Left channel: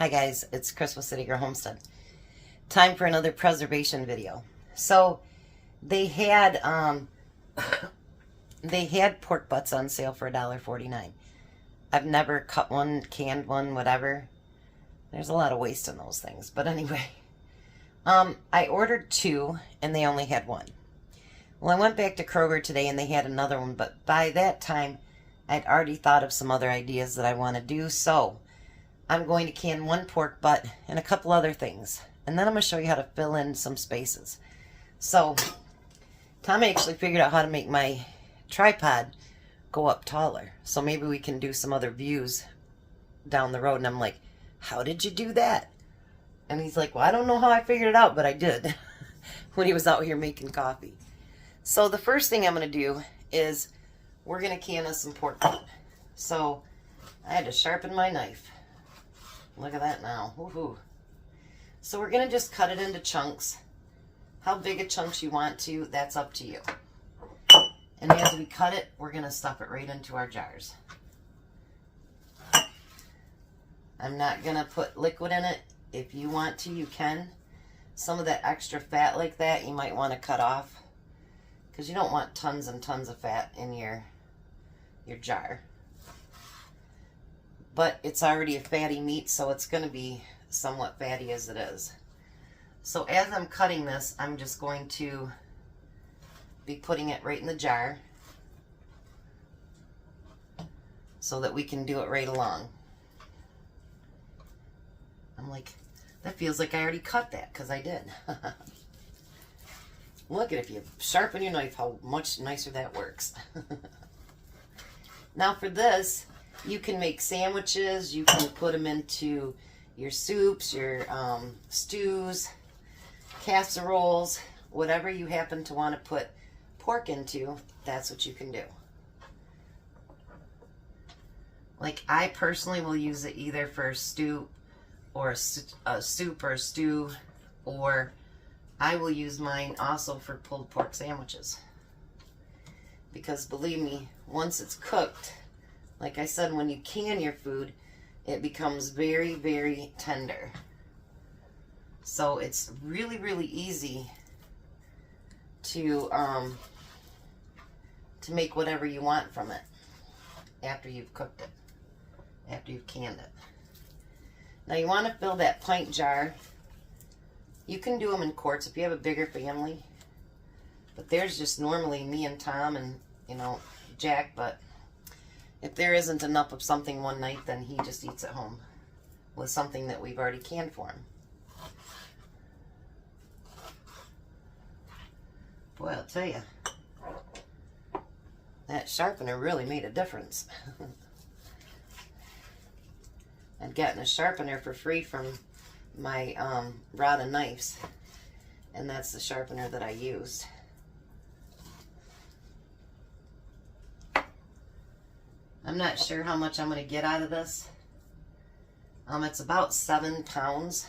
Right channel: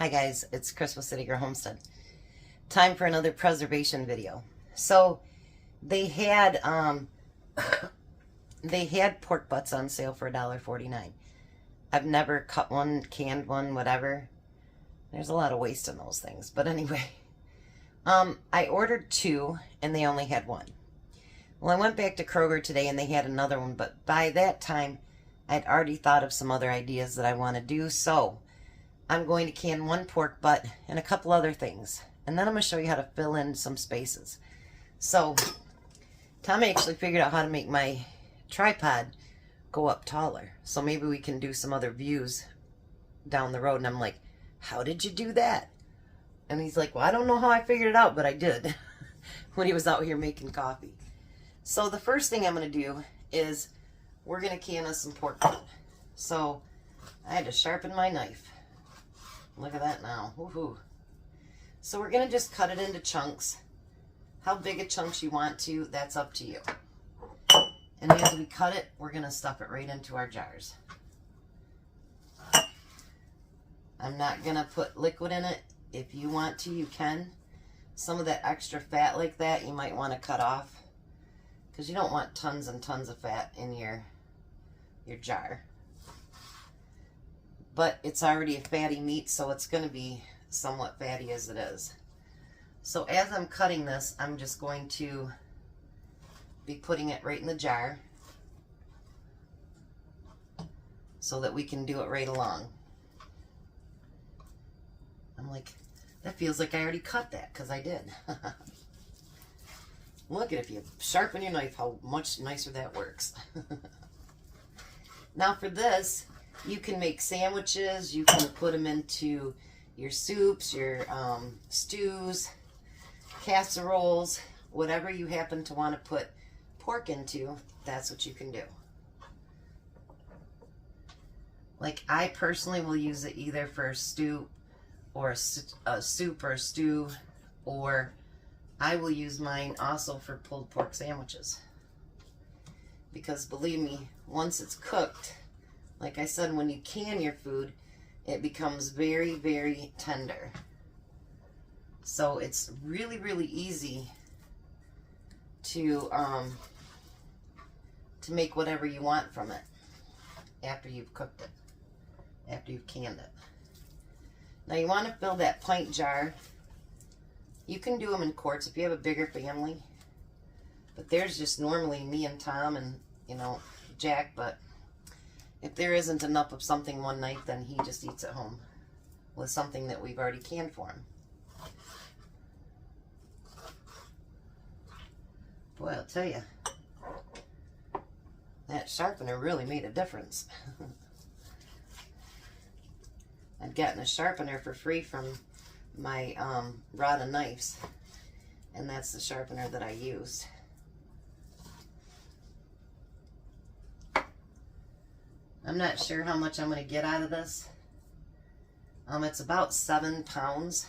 Hi guys, it's Chris with City Girl Homestead. Time for another preservation video. So they had pork butts on sale for $1.49. I've never cut one, canned one, whatever. There's a lot of waste in those things, but anyway. I ordered 2 and they only had 1. Well, I went back to Kroger today and they had another one, but by that time I'd already thought of some other ideas that I want to do, so I'm going to can 1 pork butt and a couple other things. And then I'm going to show you how to fill in some spaces. So, Tom actually figured out how to make my tripod go up taller. So maybe we can do some other views down the road. And I'm like, how did you do that? And he's like, well, I don't know how I figured it out, but I did when he was out here making coffee. So the first thing I'm going to do is we're going to can us some pork butt. So I had to sharpen my knife. Look at that now. Woohoo. So we're going to just cut it into chunks. How big a chunks you want to, that's up to you. And as we cut it, we're going to stuff it right into our jars. I'm not going to put liquid in it. If you want to, you can. Some of that extra fat like that, you might want to cut off, because you don't want tons and tons of fat in your jar. But it's already a fatty meat, so it's going to be somewhat fatty as it is. So as I'm cutting this, I'm just going to be putting it right in the jar so that we can do it right along. I'm like, that feels like I already cut that, because I did. Look at, if you sharpen your knife, how much nicer that works. Now for this, you can make sandwiches, you can put them into your soups, your stews, casseroles, whatever you happen to want to put pork into, that's what you can do. Like, I personally will use it either for a stew or a soup or a stew, or I will use mine also for pulled pork sandwiches. Because believe me, once it's cooked, like I said, when you can your food, it becomes very, very tender. So it's really, really easy to make whatever you want from it after you've cooked it, after you've canned it. Now you want to fill that pint jar. You can do them in quarts if you have a bigger family, but there's just normally me and Tom and, you know, Jack, but if there isn't enough of something one night, then he just eats at home with something that we've already canned for him. Boy, I'll tell you, that sharpener really made a difference. I'd gotten a sharpener for free from my rod and knives, and that's the sharpener that I used. I'm not sure how much I'm going to get out of this. It's about 7 pounds.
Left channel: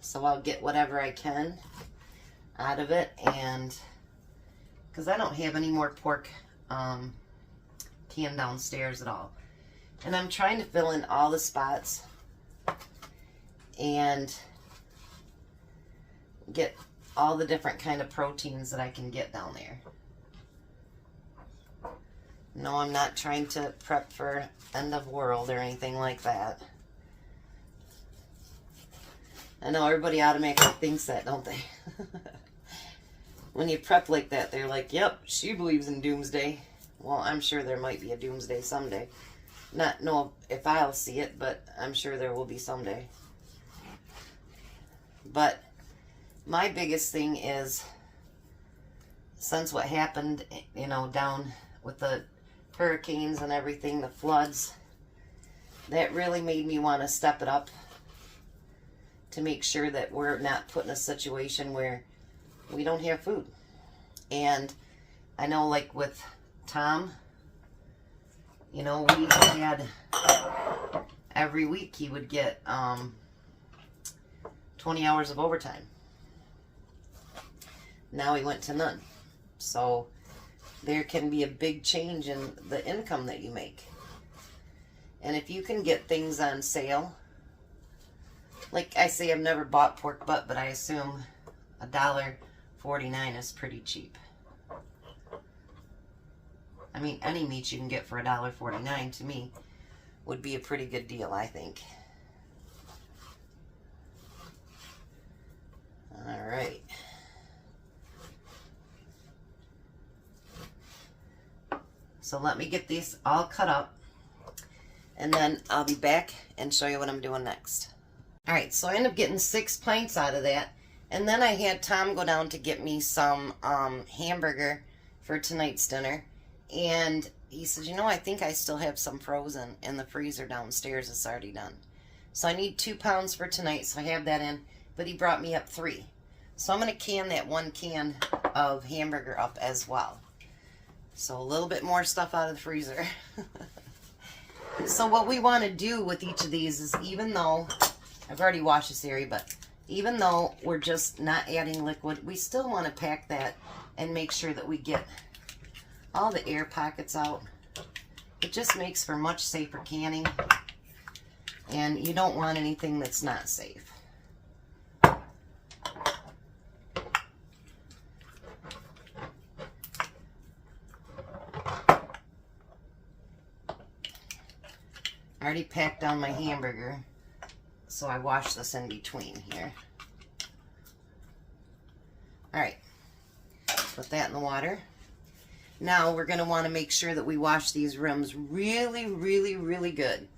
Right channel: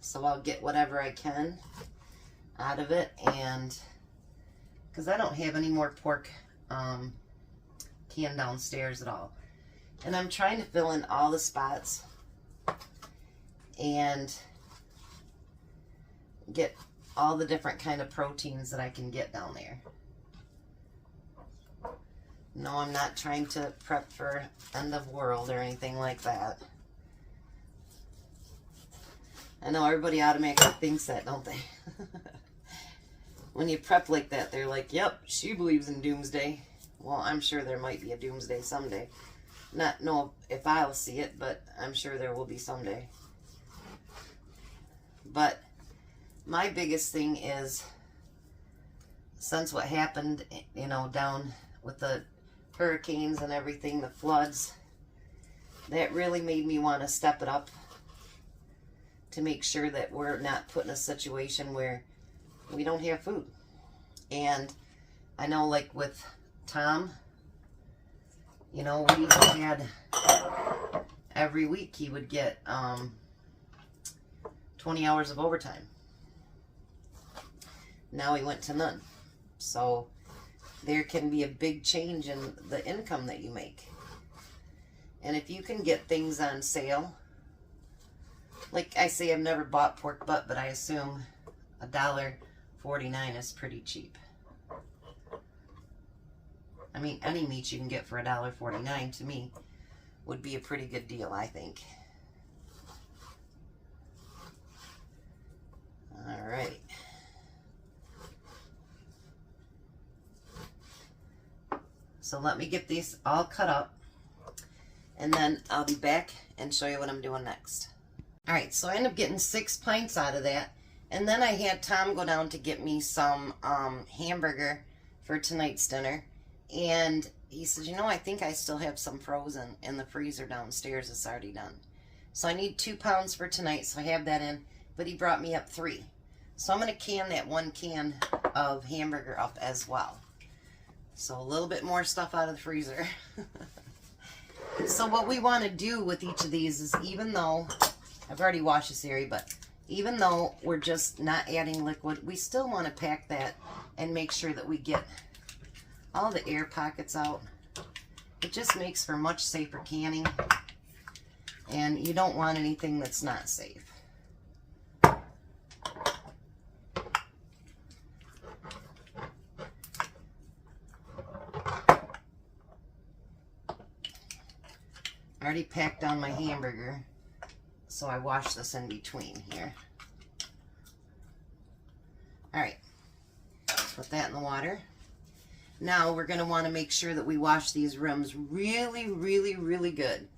So I'll get whatever I can out of it, and because I don't have any more pork canned downstairs at all. And I'm trying to fill in all the spots and get all the different kind of proteins that I can get down there. No, I'm not trying to prep for end of world or anything like that. I know everybody automatically thinks that, don't they? When you prep like that, they're like, yep, she believes in doomsday. Well, I'm sure there might be a doomsday someday. Not know if I'll see it, but I'm sure there will be someday. But my biggest thing is, since what happened, you know, down with the hurricanes and everything, the floods, that really made me want to step it up to make sure that we're not put in a situation where we don't have food. And I know, like with Tom, you know, we had every week he would get 20 hours of overtime. Now he went to none. So there can be a big change in the income that you make. And if you can get things on sale, like I say, I've never bought pork butt, but I assume $1.49 is pretty cheap. I mean, any meat you can get for $1.49 to me would be a pretty good deal, I think. All right. So let me get these all cut up, and then I'll be back and show you what I'm doing next. All right, so I ended up getting 6 pints out of that, and then I had Tom go down to get me some hamburger for tonight's dinner, and he said, you know, I think I still have some frozen in the freezer downstairs. It's already done. So I need 2 pounds for tonight, so I have that in, but he brought me up 3. So I'm going to can that 1 can of hamburger up as well. So a little bit more stuff out of the freezer. So what we want to do with each of these is, even though, I've already washed this area, but even though we're just not adding liquid, we still want to pack that and make sure that we get all the air pockets out. It just makes for much safer canning, and you don't want anything that's not safe. I already packed down my hamburger, so I wash this in between here. Alright, put that in the water. Now we're going to want to make sure that we wash these rims really, really, really good,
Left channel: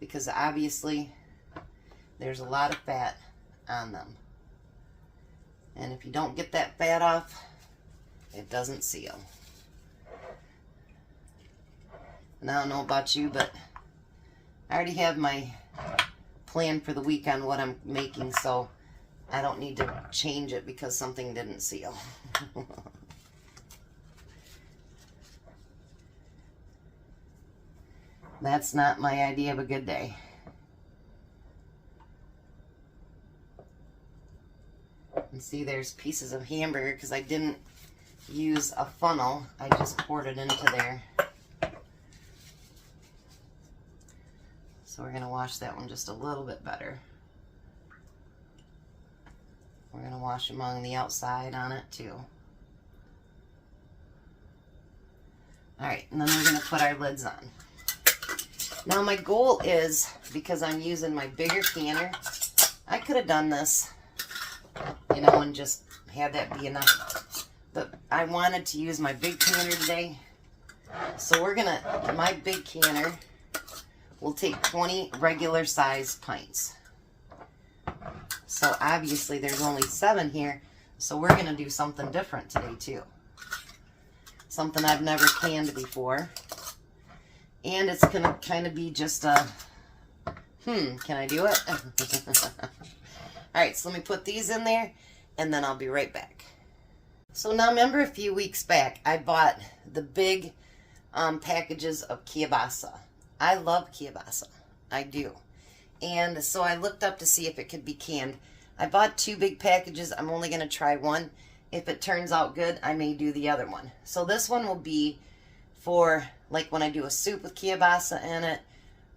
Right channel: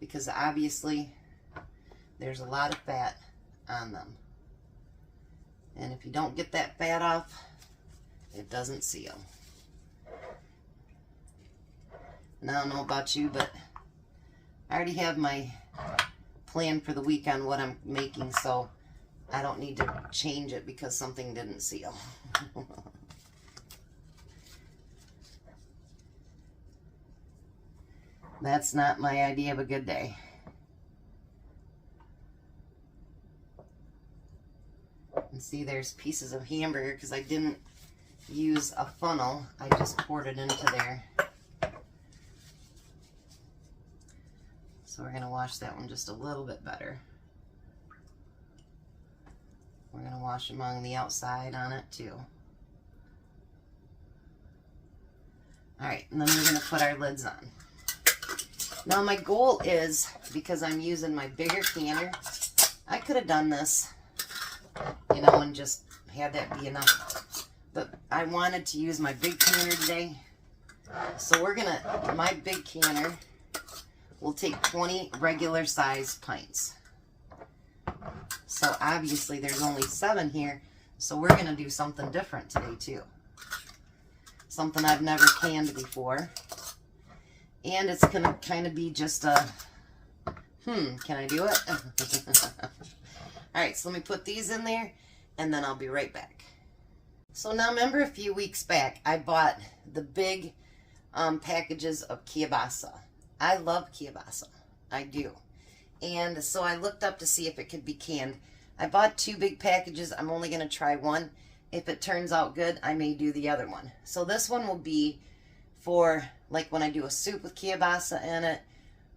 because obviously there's a lot of fat on them. And if you don't get that fat off, it doesn't seal. And I don't know about you, but I already have my plan for the week on what I'm making, so I don't need to change it because something didn't seal. That's not my idea of a good day. And see, there's pieces of hamburger because I didn't use a funnel. I just poured it into there. So we're going to wash that one just a little bit better. We're going to wash along the outside on it too. Alright, and then we're going to put our lids on. Now my goal is, because I'm using my bigger canner, I could have done this, you know, and just had that be enough. But I wanted to use my big canner today. So we're going to, my big canner will take 20 regular size pints. So obviously there's only 7 here, so we're going to do something different today too. Something I've never canned before. And it's going to kind of be just a, can I do it? Alright, so let me put these in there, and then I'll be right back. So now remember, a few weeks back, I bought the big packages of kielbasa. I love kielbasa. I do. And so I looked up to see if it could be canned. I bought 2 big packages. I'm only going to try one. If it turns out good, I may do the other one. So this one will be for, like, when I do a soup with kielbasa in it,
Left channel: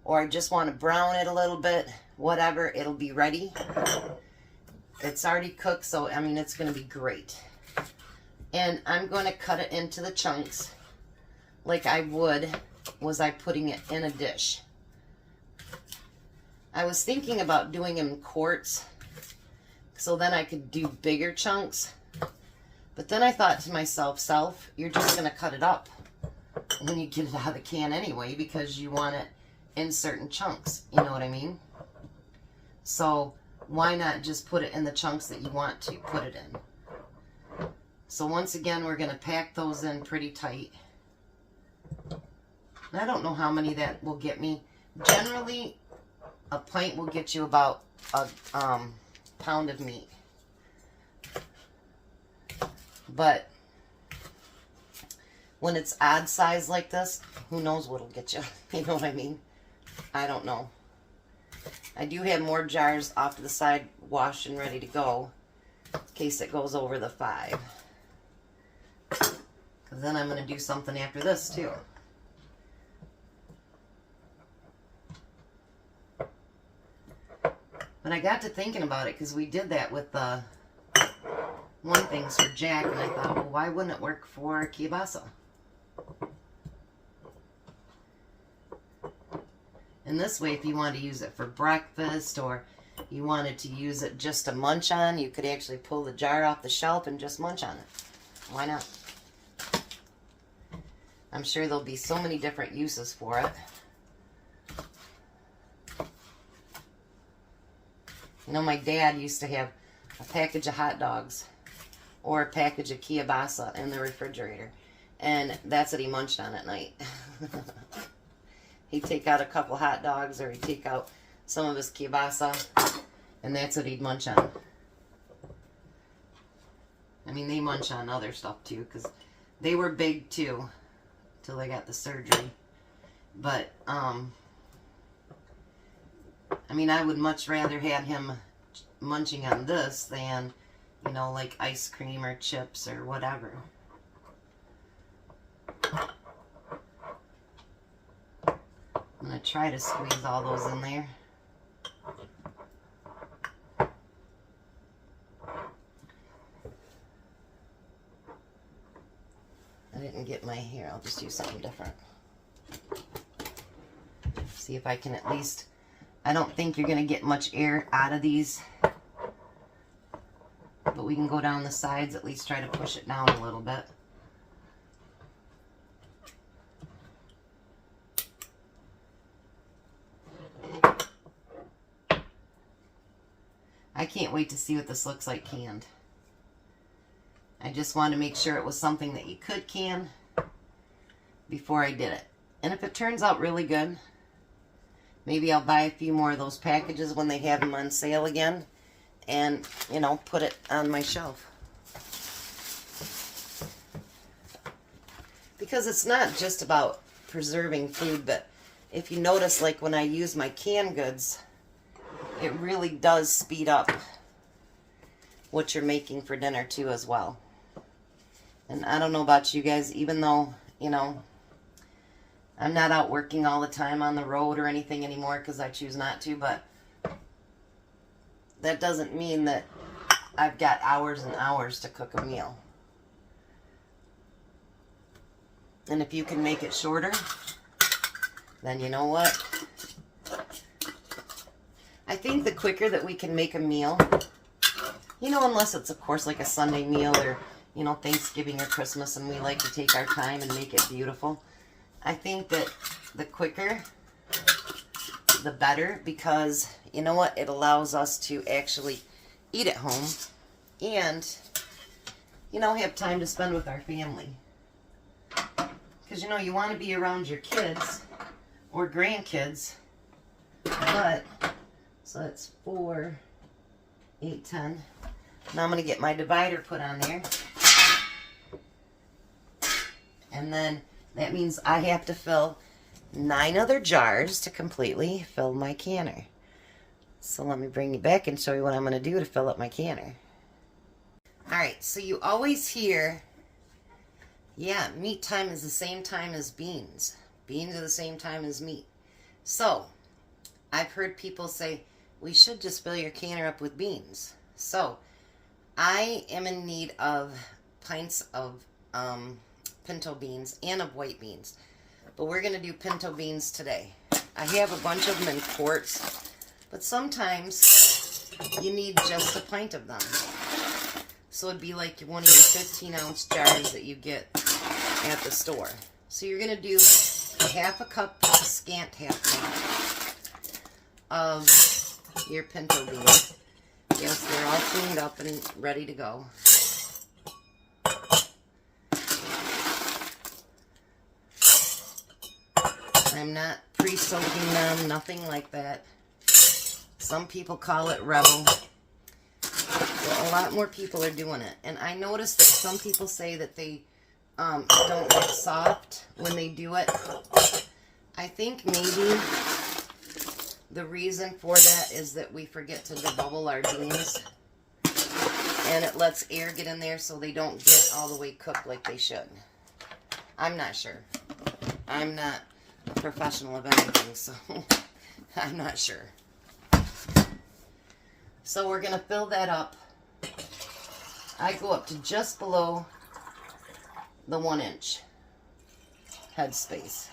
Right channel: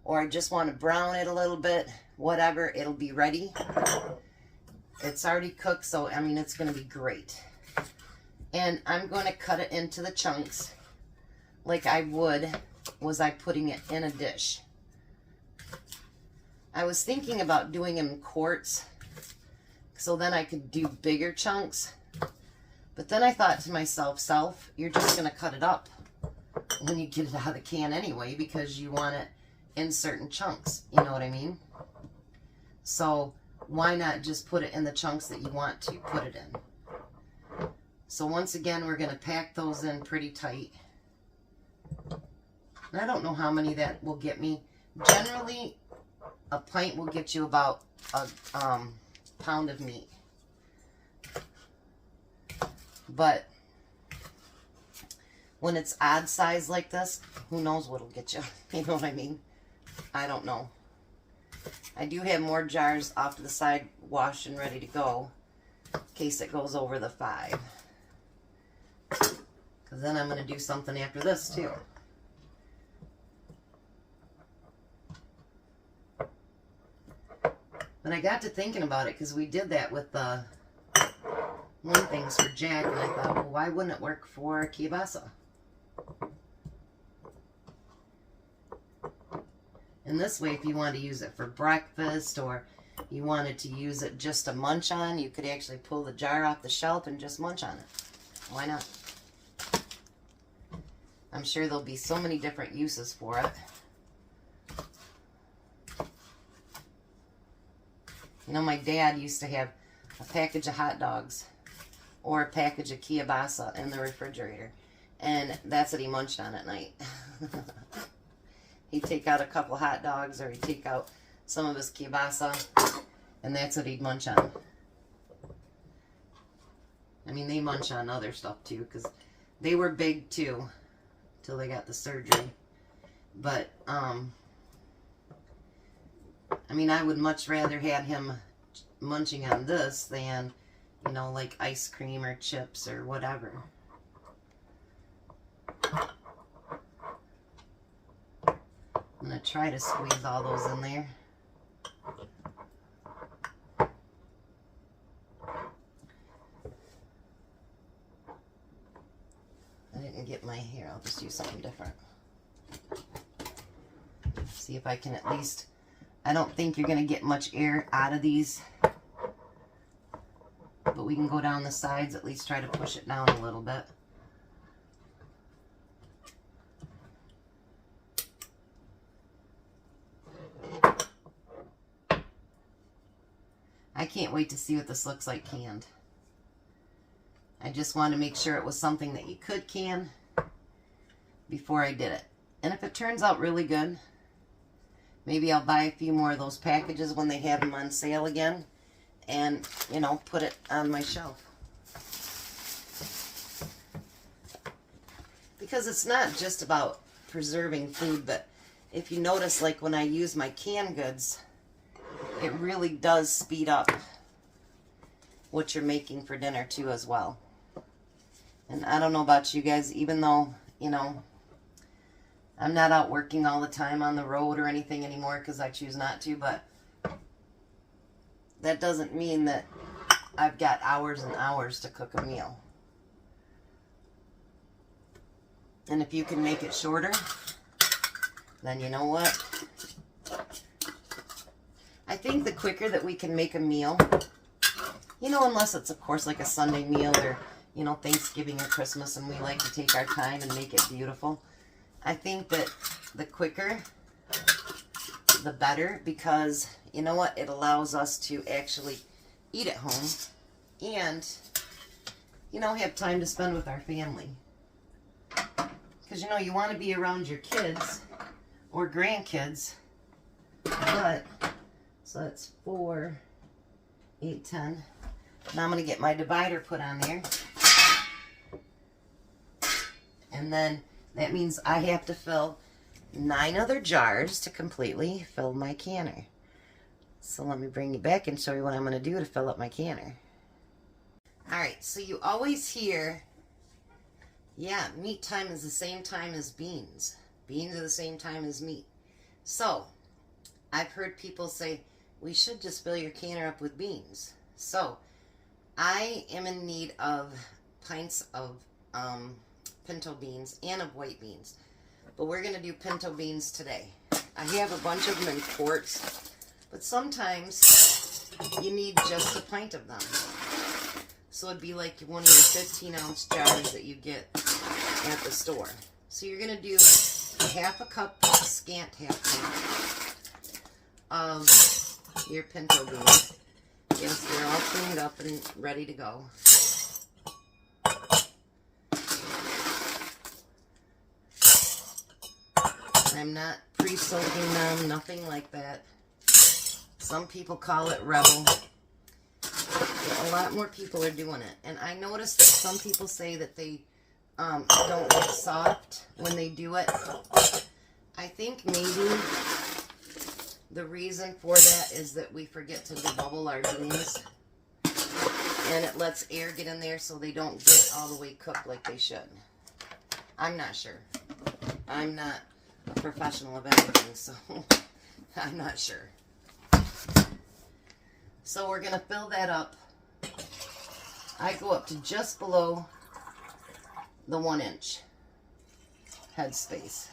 or I just want to brown it a little bit, whatever, it'll be ready. It's already cooked, so, I mean, it's going to be great. And I'm going to cut it into the chunks like I would was I putting it in a dish. I was thinking about doing them in quarts, so then I could do bigger chunks. But then I thought to myself, you're just going to cut it up when you get it out of the can anyway, because you want it in certain chunks. You know what I mean? So why not just put it in the chunks that you want to put it in? So once again, we're going to pack those in pretty tight. And I don't know how many that will get me. Generally, a pint will get you about a pound of meat. But when it's odd size like this, who knows what'll get you. You know what I mean? I don't know. I do have more jars off to the side washed and ready to go in case it goes over the 5. Because then I'm going to do something after this too. But I got to thinking about it because we did that with the one things for Jack, and I thought, well, why wouldn't it work for kielbasa? And this way, if you wanted to use it for breakfast or you wanted to use it just to munch on, you could actually pull the jar off the shelf and just munch on it. Why not? I'm sure there'll be so many different uses for it. You know, my dad used to have a package of hot dogs or a package of kielbasa in the refrigerator, and that's what he munched on at night. He'd take out a couple hot dogs, or he'd take out some of his kielbasa, and that's what he'd munch on. I mean, they munch on other stuff too, because they were big too, till they got the surgery. But, I mean, I would much rather have him munching on this than, you know, like ice cream or chips or whatever. I'm going to try to squeeze all those in there. I didn't get my hair. I'll just use something different. See if I can at least... I don't think you're going to get much air out of these. But we can go down the sides, at least try to push it down a little bit. I can't wait to see what this looks like canned. I just wanted to make sure it was something that you could can before I did it. And if it turns out really good, maybe I'll buy a few more of those packages when they have them on sale again and, you know, put it on my shelf. Because it's not just about preserving food, but if you notice, like when I use my canned goods, it really does speed up what you're making for dinner too as well. And I don't know about you guys, even though, you know, I'm not out working all the time on the road or anything anymore because I choose not to, but that doesn't mean that I've got hours and hours to cook a meal. And if you can make it shorter, then you know what? I think the quicker that we can make a meal, you know, unless it's, of course, like a Sunday meal or, you know, Thanksgiving or Christmas, and we like to take our time and make it beautiful. I think that the quicker, the better, because, you know what, it allows us to actually eat at home and, you know, have time to spend with our family. Because, you know, you want to be around your kids or grandkids, but, so that's 4, 8, 10. Now I'm going to get my divider put on there. And then that means I have to fill 9 other jars to completely fill my canner. So let me bring you back and show you what I'm going to do to fill up my canner. Alright, so you always hear, yeah, meat time is the same time as beans. Beans are the same time as meat. So, I've heard people say, we should just fill your canner up with beans. So, I am in need of pints of pinto beans and of white beans. But we're going to do pinto beans today. I have a bunch of them in quarts, but sometimes you need just a pint of them. So it'd be like one of your 15-ounce jars that you get at the store. So you're going to do a half a cup, scant half cup of your pinto beans. Yes, they're all cleaned up and ready to go. I'm not pre-soaking them, nothing like that. Some people call it Rebel. But a lot more people are doing it. And I noticed that some people say that they don't get soft when they do it. I think maybe the reason for that is that we forget to debubble our beans. And it lets air get in there so they don't get all the way cooked like they should. I'm not sure. I'm not a professional of anything, so I'm not sure. So we're going to fill that up. I go up to just below the 1-inch headspace,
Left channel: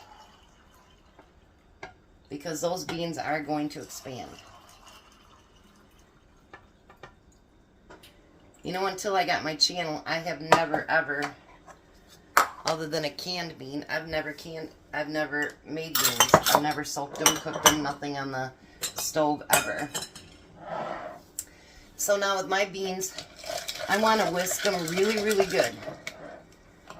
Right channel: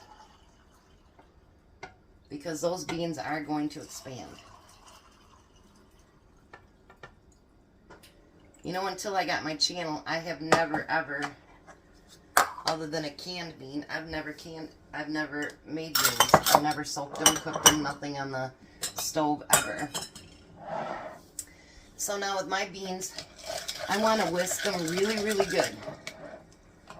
because those beans are going to expand. You know, until I got my channel, I have never ever, other than a canned bean, I've never made beans. I've never soaked them, cooked them, nothing on the stove ever. So now with my beans, I want to whisk them really, really good,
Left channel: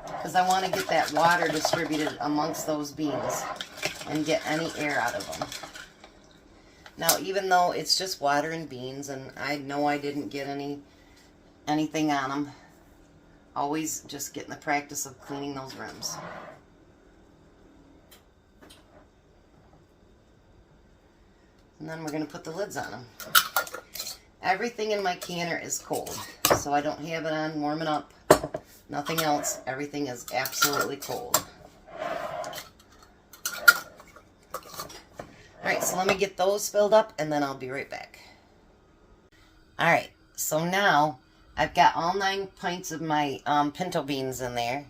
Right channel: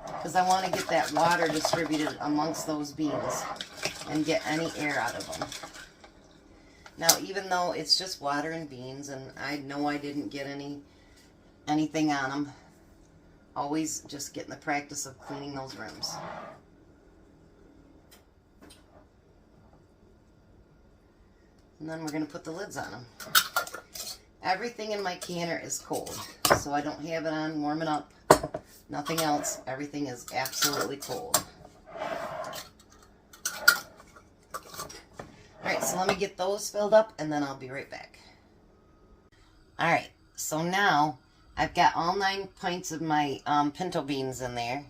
because I want to get that water distributed amongst those beans and get any air out of them. Now, even though it's just water and beans, and I know I didn't get anything on them, always just get in the practice of cleaning those rims. And then we're going to put the lids on them. Everything in my canner is cold, so I don't have it on warming up. Nothing else. Everything is absolutely cold. Alright, so let me get those filled up and then I'll be right back. Alright, so now I've got all 9 pints of my pinto beans in there.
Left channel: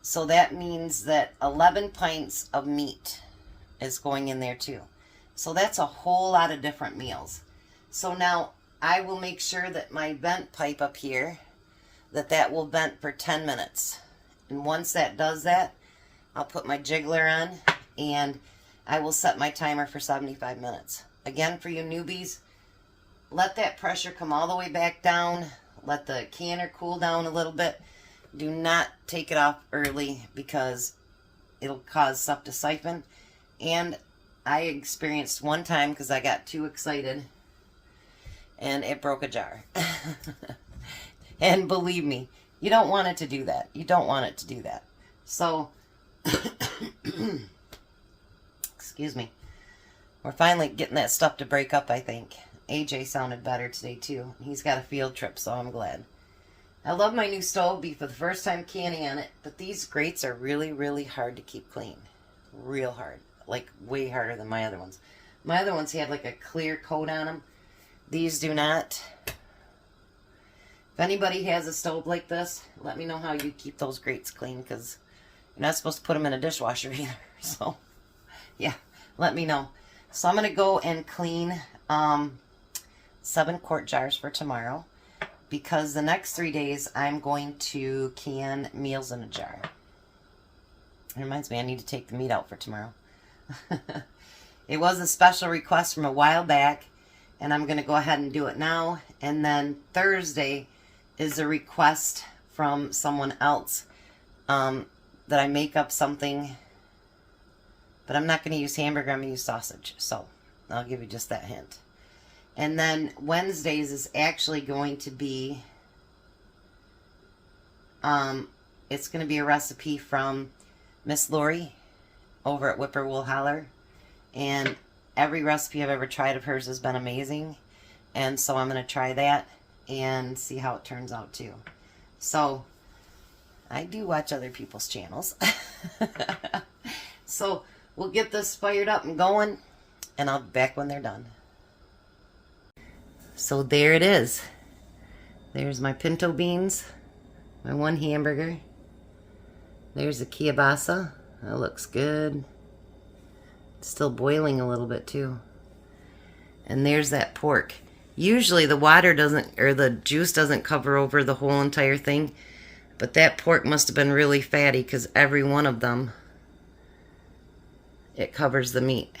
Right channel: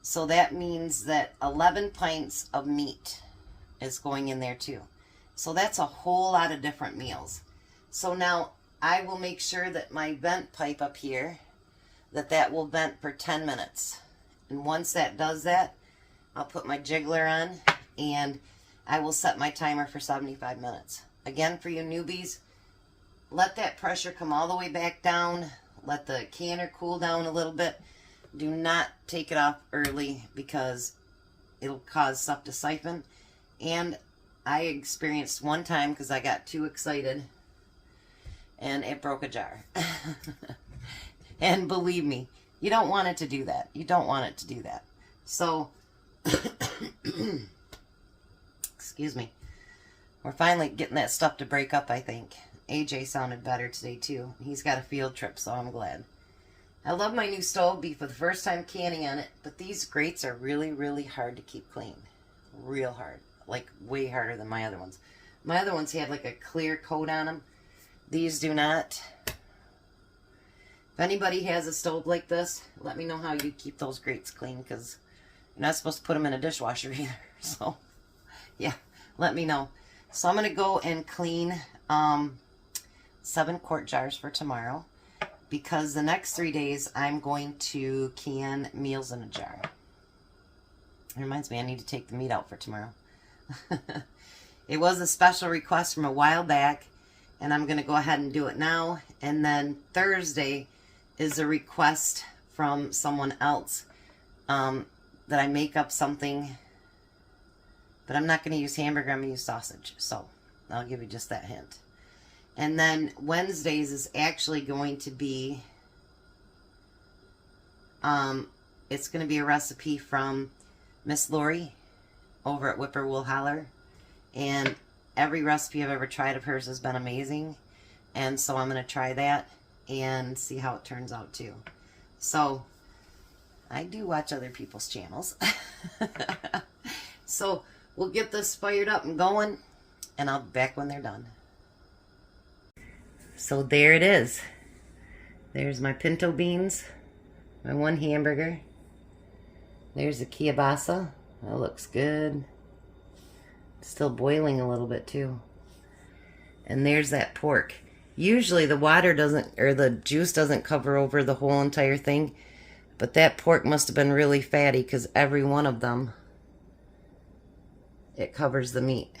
So that means that 11 pints of meat is going in there too. So that's a whole lot of different meals. So now I will make sure that my vent pipe up here, that will vent for 10 minutes. And once that does that, I'll put my jiggler on and I will set my timer for 75 minutes. Again, for you newbies, let that pressure come all the way back down. Let the canner cool down a little bit. Do not take it off early because it'll cause stuff to siphon. And I experienced one time, because I got too excited, and it broke a jar. And believe me, you don't want it to do that. You don't want it to do that. So, excuse me. We're finally getting that stuff to break up, I think. AJ sounded better today, too. He's got a field trip, so I'm glad. I love my new stove. Be for the first time canning on it, but these grates are really, really hard to keep clean. Real hard. Like, way harder than my other ones. My other ones have, like, a clear coat on them. These do not. If anybody has a stove like this, let me know how you keep those grates clean, because you're not supposed to put them in a dishwasher either. So, yeah, let me know. So I'm going to go and clean 7 quart jars for tomorrow, because the next 3 days I'm going to can meals in a jar. It reminds me, I need to take the meat out for tomorrow. It was a special request from a while back, and I'm going to go ahead and do it now. And then Thursday is a request from someone else that I make up something, but I'm not going to use hamburger, I'm going to use sausage. So I'll give you just that hint. And then Wednesdays is actually going to be, it's going to be a recipe from Miss Lori over at Whippoorwill Holler. And every recipe I've ever tried of hers has been amazing. And so I'm going to try that and see how it turns out too. So I do watch other people's channels. So we'll get this fired up and going, and I'll be back when they're done. So there it is. There's my pinto beans, my 1 hamburger. There's the kielbasa. That looks good. It's still boiling a little bit too. And there's that pork. Usually the water doesn't, or the juice doesn't cover over the whole entire thing, but that pork must have been really fatty, because every one of them, it covers the meat.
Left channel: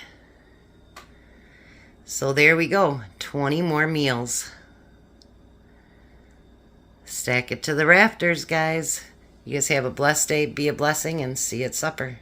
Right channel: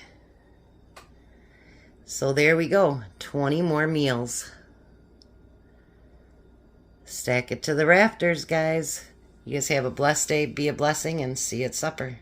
So there we go, 20 more meals. Stack it to the rafters, guys. You guys have a blessed day, be a blessing, and see you at supper.